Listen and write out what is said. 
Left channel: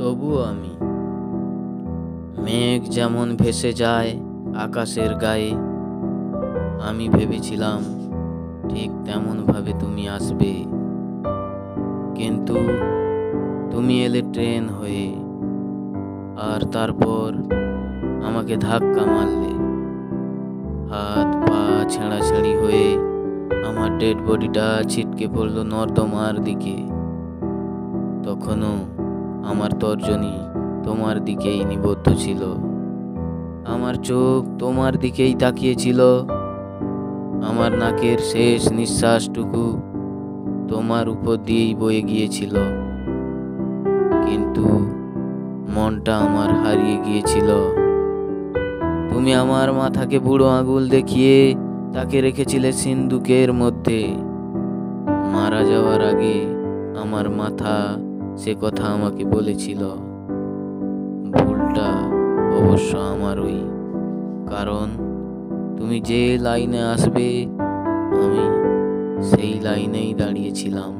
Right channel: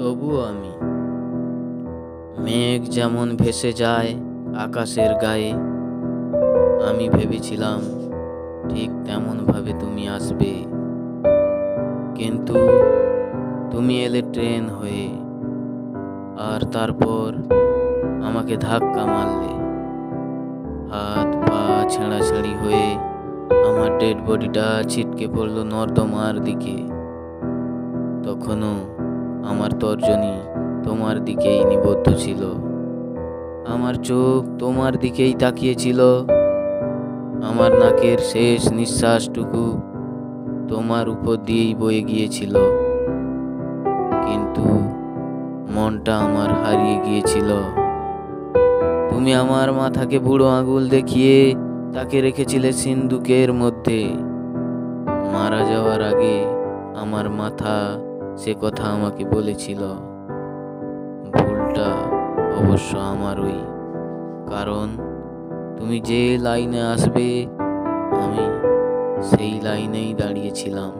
তবুও আমি মেঘ যেমন ভেসে যায় আকাশের গায়ে, আমি ভেবেছিলাম ঠিক তেমন ভাবে তুমি আসবে, কিন্তু তুমি এলে ট্রেন হয়ে, আর তারপর আমাকে ধাক্কা মারলে। হাত পা ছেঁড়াছেঁড়ি হয়ে আমার ডেড বডিটা ছিটকে পড়লো নর্দমার দিকে। তখনও আমার তর্জনী তোমার দিকেই নিবদ্ধ ছিল, আমার চোখ তোমার দিকেই তাকিয়েছিল, আমার নাকের শেষ নিঃশ্বাসটুকু তোমার উপর দিয়েই বয়ে গিয়েছিল। কিন্তু মনটা আমার হারিয়ে গিয়েছিল। তুমি আমার মাথাকে বুড়ো আঙুল দেখিয়ে তাকে রেখেছিলে সিন্দুকের মধ্যে। মারা যাওয়ার আগে আমার মাথা সে কথা আমাকে বলেছিল। ভুলটা অবশ্য আমারই, কারণ তুমি যে লাইনে আসবে আমি সেই লাইনেই দাঁড়িয়েছিলাম।